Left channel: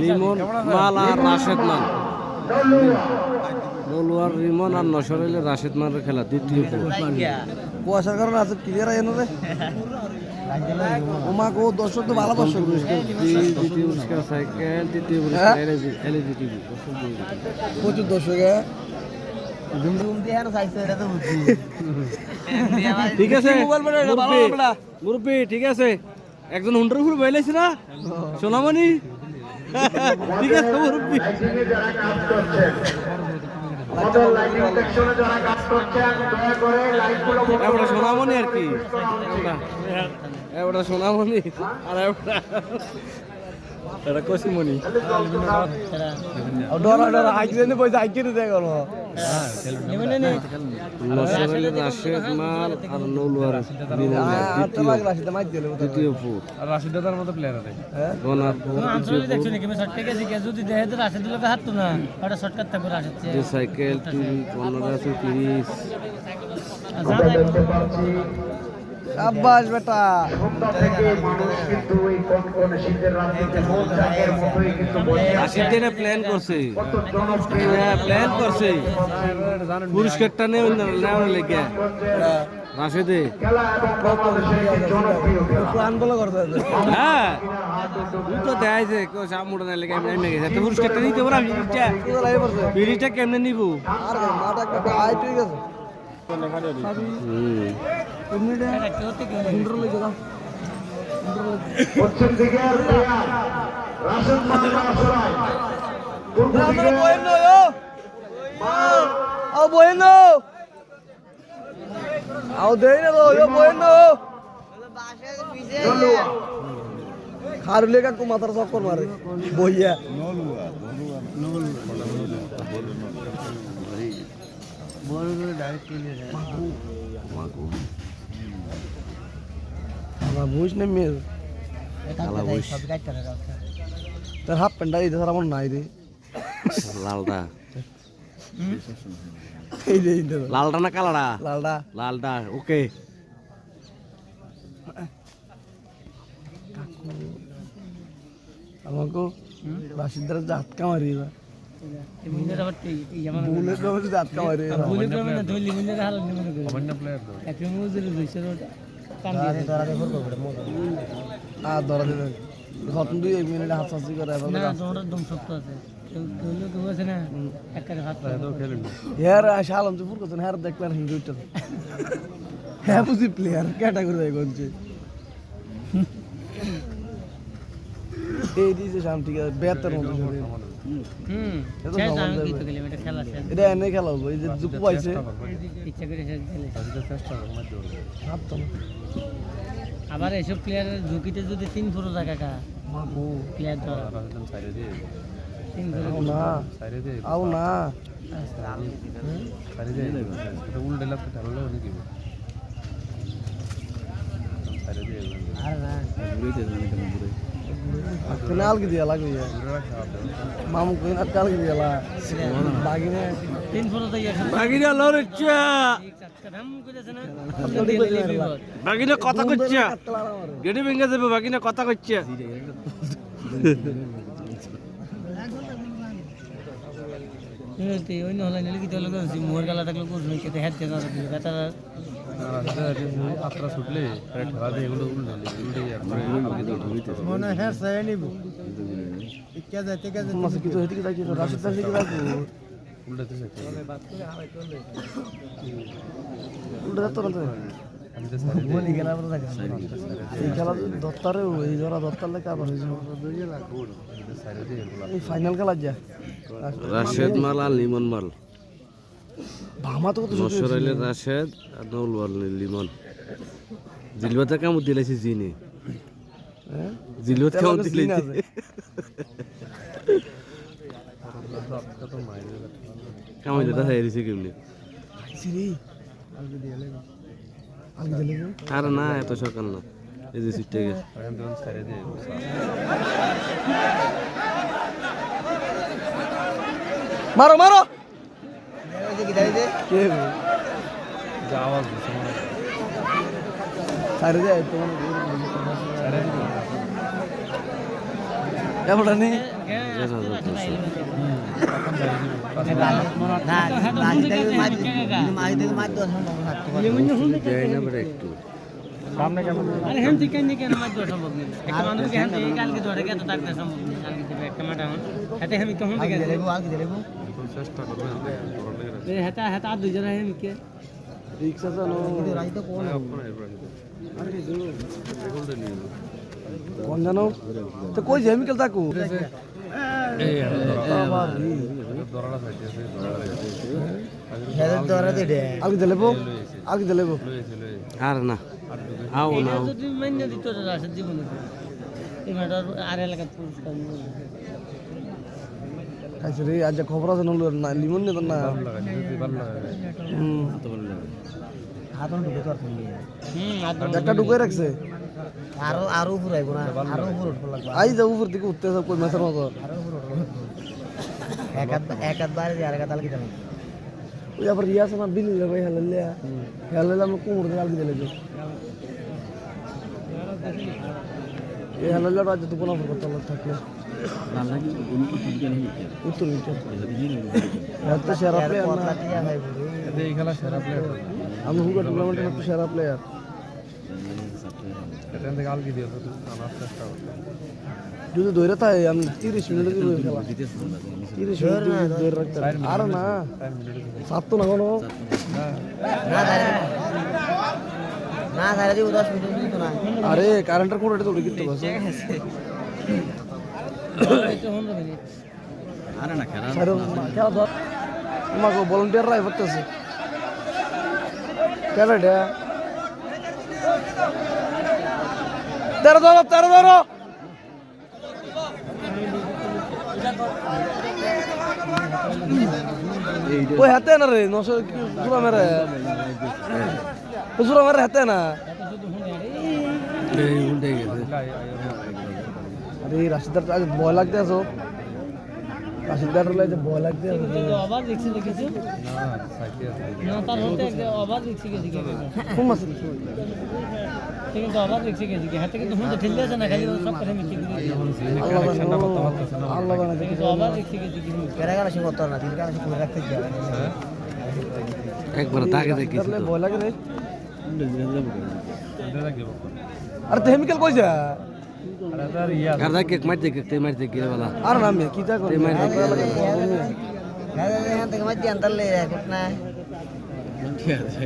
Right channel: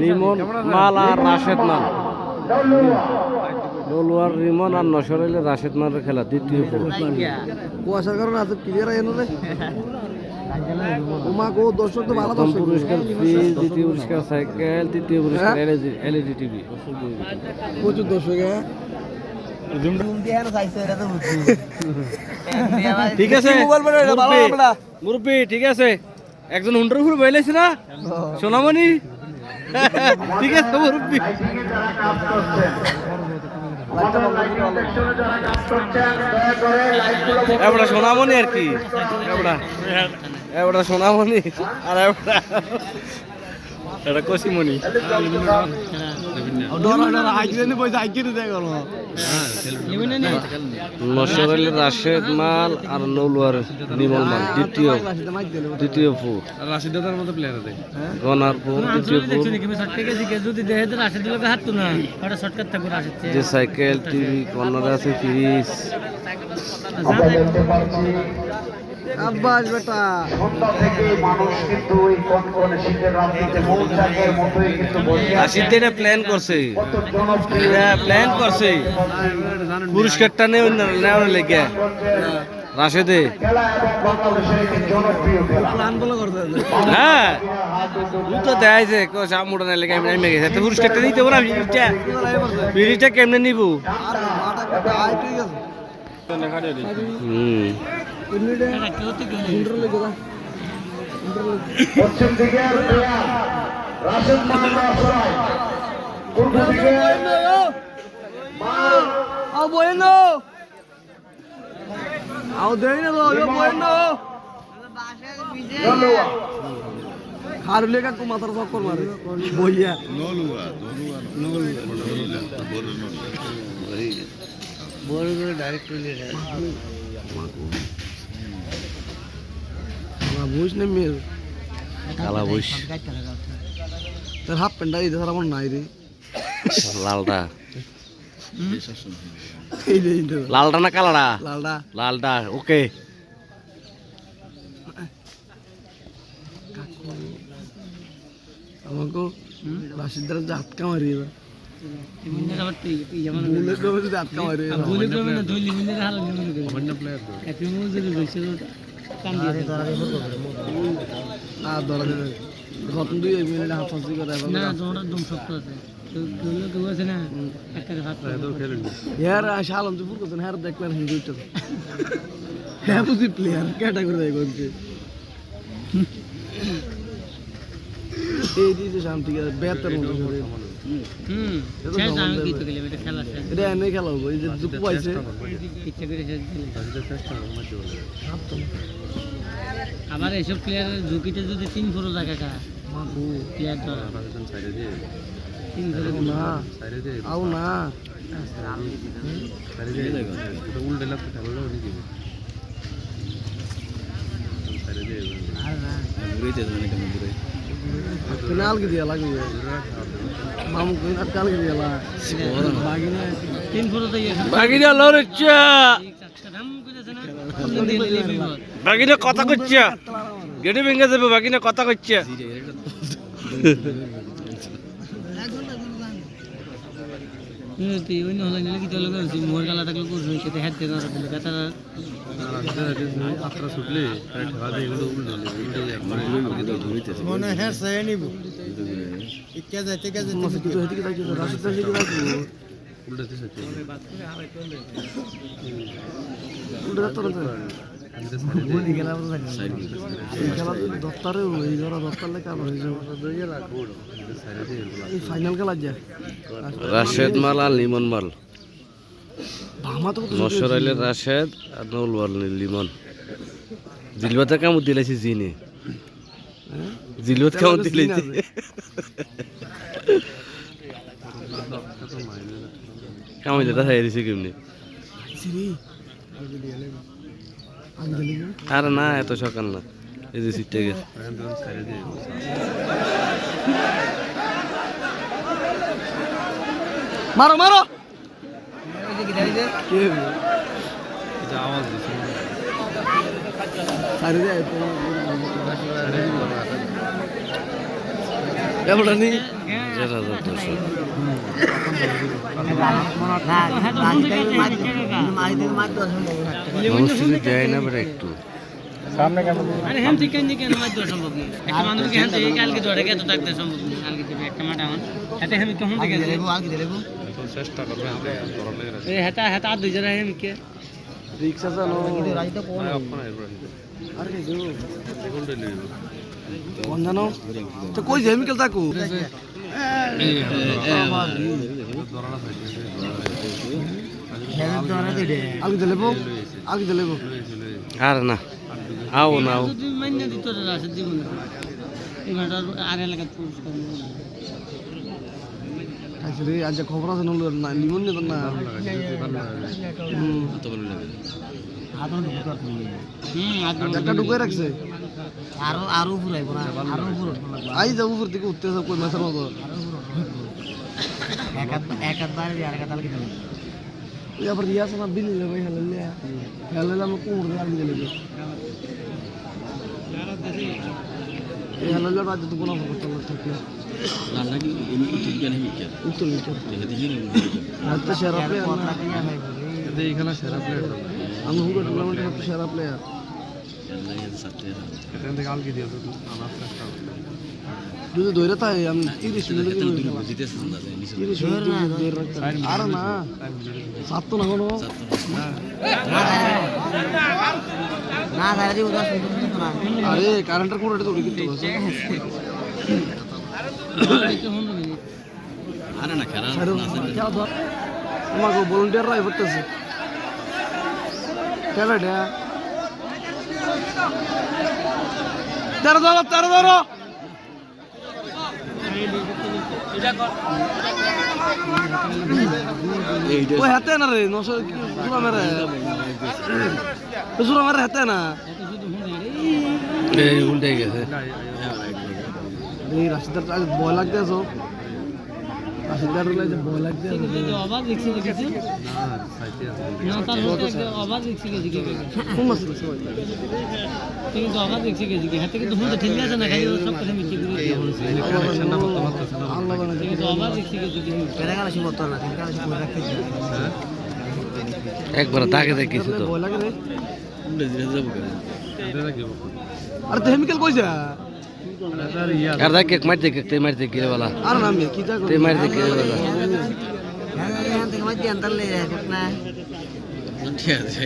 লিমন মাল আর রাশেদ মাল, নলুয়ার রিমন আর নসরাইলে রাশেদ মালের খেলা দ্বিতীয় পর। কুয়াশার কারণে আছে ক্লিয়ার আয় না রে ওমা গো দর্শক তো ভালো প্রথম পুরস্কার ফ্রিজ, দ্বিতীয় পুরস্কার সাইকেল, তৃতীয় পুরস্কার এলইডি টিভি। প্রচুর দর্শক ঠিক আছে মুরব্বী, ঠিক আছে একজন হুন্ডার ফুল বইলেছি না সোনামণি, ঠিক আছে মুরব্বী। এবার সোনামণি আর কি, এবার সোনামণি আর এটা কসিমণি। নসরাইলের রাশেদ মাল আর নৌলুয়ার নিমল মাল দ্বিতীয় ফুর, গনারপুর দ্বিতীয় ফুর। যে সাইকেল, টিভি, কর্নারে আছে ফ্রিজ। রাশিদ প্ল্যান করছে, পুরস্কারটা নেওয়ার লেগে রাশেদে। হ্যাঁ তো দেখাইছে সামুটা না লেগে আমি গেছে, পুরস্কারটা নিতে পারো। ফ্রিজটা কেমনে নিব? হারলে কাকু মাথার চক্কর মারে বইয়া বড় করে ডাইরেক্ট বুঝ না মেয়ে কালা বুঝ তোর হাফ প্যান্টটা দিতে আমার নাই রে লালটা, লালটা না কালাটা? লালটা ওকে। আমাকে রাশিদ দ্বারা ঝাটকা মারি প্লেয়ার ক্যাটাগরি করছে এই দিয়েছে শান্তি বেতার মতো এটা এনে খেলা হবো। এই যে জুপু পাইছে আবার এইসব প্লেয়ারের ঝুঁকিতে যদি 3 ফুরো জায়গা কা প্লেয়ার ধরা না আও না কেনাল কি দিয়া লাগবে মামু কেনাল কাল কি দিয়া বাগিনে 3 ফুরো জায়গা বাগিনা লড়ছে, বাগিনা কথা করছে, গেটে ভেঙে যাবে, বাগিনা কথা করছে। রাশেদ মাল আর লিমন মাল, নসরাইলের রাশেদ আর নৌলুয়ার লিমন। জিলবাতে কেমন দিলাইছি জিনে, জিলবাত কেমন দিলাইছি কেমন যেটা খাই দিছি কেমনি। আর না এত সকাল না, এই যে সিটে গেছে। মারো মারো সারি এবার নি আরে হেম থেকে কেন মার দেওয়া সম্ভব কি একটা মানুষকে হেম থেকে কালকে ধরে গেছে থাকতে সম্ভব না কালকে তো একটা মাটা হন হাতে হেম কেমন থেকে দেবো আলকে দেবো চেষ্টা করবে আমরা ধরার লাগে এই হাতা হাতা দুই জরা হেম কে রিক্সা চালানো রাজি তো কোন বন্ধনো তো কই যাবি কেল তাকু আলকে দেবো আর না আও না যদি মাইনে দিত রাশি জীবন এমাটা আর এলাকা পুরস্কার আচ্ছা রে আজ খবর আছে না লিমন নে না একটা ঢুকে রাখছে আরো পুরাইব না আরো পুরো আই যা উপর দিকে উঠতে কই মাছের মতো এক বার আর এক তাল কি জানা ওই আবার রিয়াস না বিল লগে হেললে আমরা কোমর লাগি দিলে এই হেললে রাত তো কোনো কথা থাকলো উত্তর তো সেরা প্লেয়ার এইখানে সেরা প্লেয়ার আমি হুগা টুর্নামেন্টের একটু সেরা প্লেয়ার যদি ধরে থাকে আমি 30 মিনিট 30 মিনিট ধরে রাখতে আর না সাত তো না কোনো না দাঁড়া দি উদাস না আরে কারেন্টের কোন রেটে তো উড়ে গেছে আরে না খারাপ আমাকে ভলান্টিয়ার রাই করতেছে কেন এটা তেরো ওই হাতে না রে নশো পুরা মেরে পুরা মেরে হাতে না এই উল্টে গেছে এই রাশিদার আজ ভয় লাগতে আছো রাশিদার বলে ভয় লাগতে আছে আবার দেখছি দেখেছি না তার আবার দেখছি গেছি খুব মস্ত ঠিক আছে আবার দেখছি গেছি হাতে কিন্তু হুঁতে ঠেলে আছে না খাই সব কথা মিছি করে আল্লাহ বানা ঠিক আছে আবার দেখছি গেছি কেরা গেল সিং করতে না কেরা গেল সিং রাখতে একবার তাকে দেখিছি তো ভয় লাগে রে আরে কেমিক্যাল কইছা আর দেখ কেক মারতে গিয়ে वाला আর নাম কি তা ते मारते गিয়ে वाला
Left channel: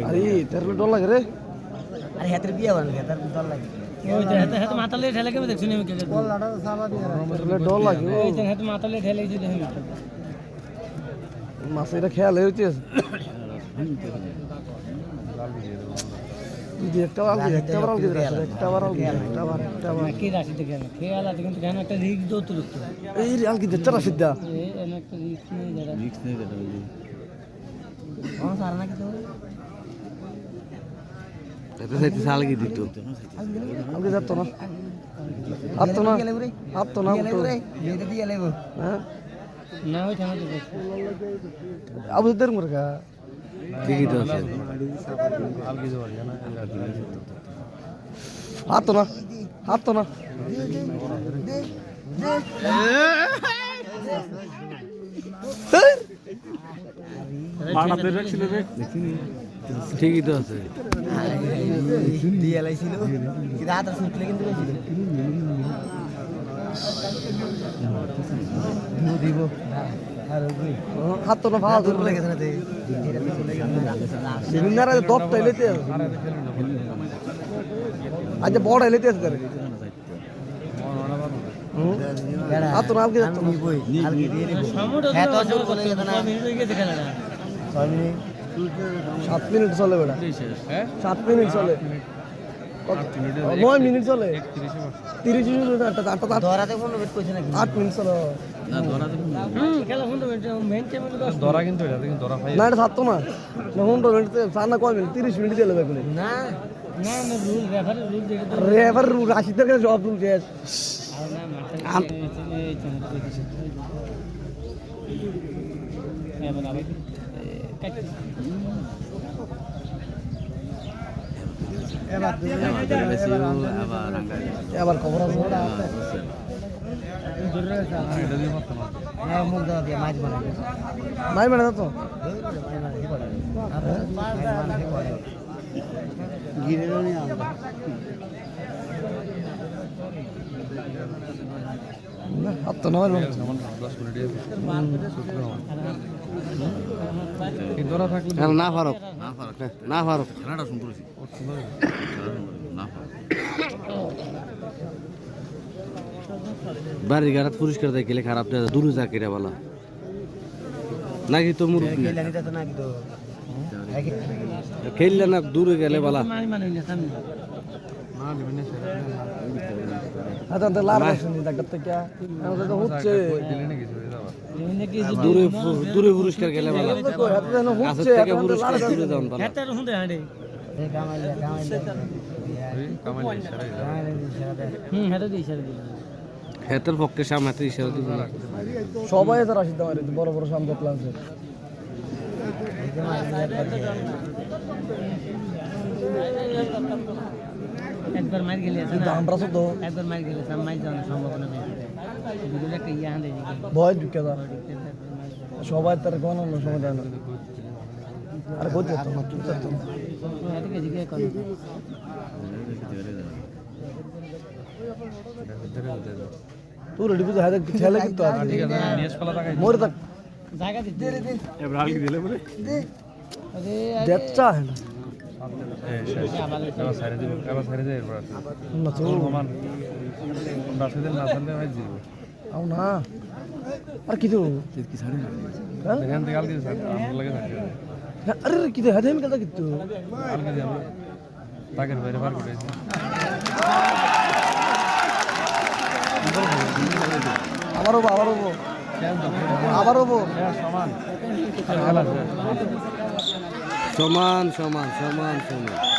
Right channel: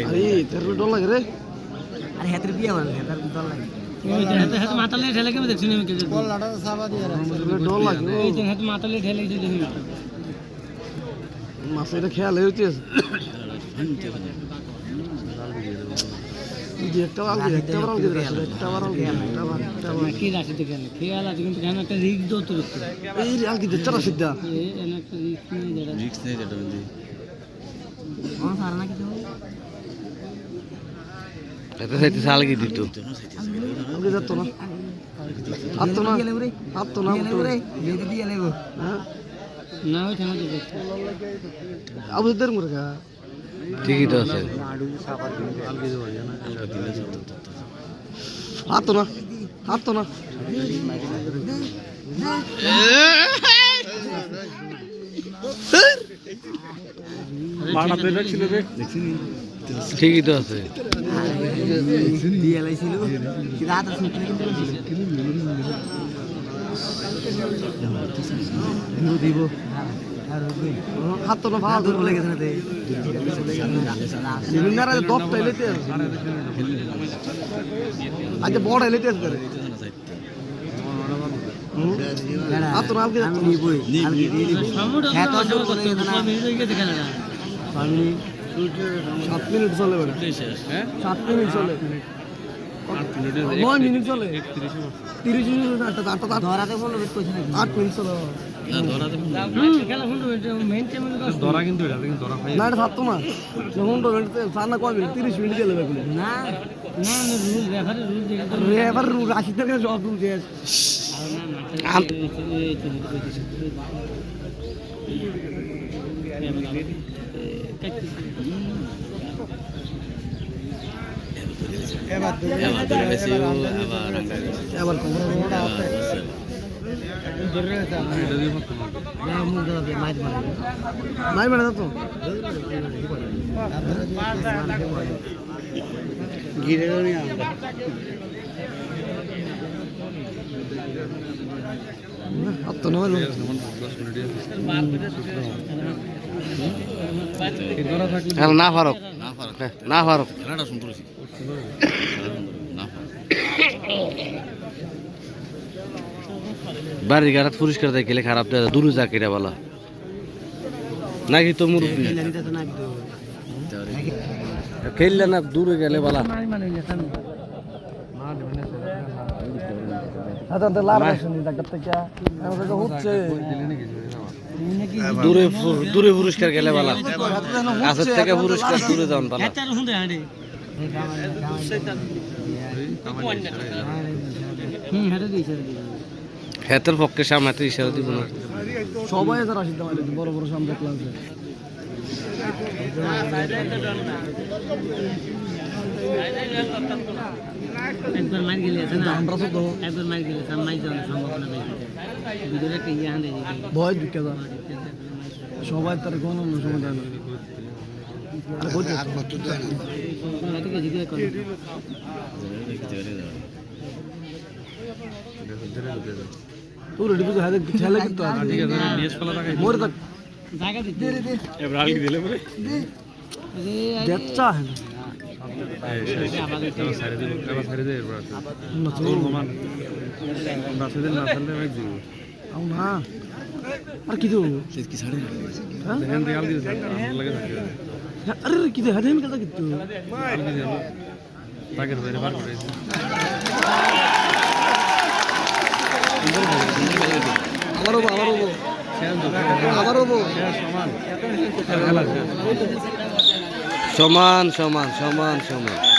আরে তোর ডর লাগে রে আরে হাতের বিয়া বান হাতের ডর লাগে ওই হাতে মাথা লে ঠেলে কেমন দেখছি আমি কে বল লাটা সাবা দিয়ে ডর লাগে এই যে হাতে মাথা লে ঠেলে দিতে হই মাছ এটা খেয়াল হইছে একটা কি রাশি দিকে খেয়াল আছে কিন্তু কেন একটা রিস্ক দো তো এই আল কি দেখছ না সিদ্ধা এই একটা রিস্ক নেই যেটা বলি কোন সারনা কি তো এত সাইতে সাল কি দিত ওকে যাতো না হাত তো না দিয়ে দিয়ে লেবো না ওই থানা দিবে আবু দের মুরগা ঠিকই তো আছে হাত তো না মানা পেন রাখছিল রে ঠিকই তো আছে দিয়ে লাইছিল কি রাত আছে কিন্তু দিব আর ওই হাত তো না ভালো দূর বলে গেছে না তে বিভিন্ন রাতে দপ টাইলেতে আজ বড় টাইলেতে আছে করে হাত তো না আলকে নিবই আলকে দিয়ে দিব হ্যাঁ তো সময় বলে গেছে না মিনিট হয়ে গেছে খেলাটা আমি 7 মিনিট চলে বেটা হ্যাঁ 7 মিনিট চলে 9 মিনিট চলে 30 মিনিট আটটা ধরাতে ফোন বেট কইছে নাকি 8 মিনিট চলে খেলা ফোন মেইন চ্যানেল ধরা কিন্তু এটা কিন্তু ধরা না এটা থাকতো না যখন তো সানা কয় মিনিট 30 মিনিট দিয়ে লাগবে না না না রুল রেফার রেফার রাশিদের কাছে জব দিতে আবার খবর নাই মানে তো ঘিরে নিয়ে আমরা তো না না ফারুক না ফারুক বাড়ির গাড়াত পরিষ্কার দেয় গেলে খারাপ দেয় দূরে যা কেটে বলা নাকি তো মুরব্বী খেললে না দূরে গেলে বলা দূরে দূরে পুরস্কার গেলে বলা কাছের থেকে পুরস্কার দূরে যান বলা হেতের পক্ষে সামনে ইশারা দিব না সবাই তারা আসিতে পারে বড় বড় সামনে দেখলাম যে একবার মার গেলে আছে না আমরা তো একবার মার গেলে সাম মাই যাওয়ার সম্ভাবনা নাই দুটো একটা ইয়া হাঁটে ভয় ঢুকে না সবাই তার কোনো সময় দেয় না আর বলছে হাত মাত্র দেয় না এটাকে জিজ্ঞেস করে তুই রেডি বুঝে হাতে ছেলে কিন্তু মোরে তক জায়গা দিতে এবার আলগি দিলে বলে দেখছা হ্যাঁ না আর কি দেবো আরে কি দে হাতে নিকাল কিন্তু সমান সমান সমান সমান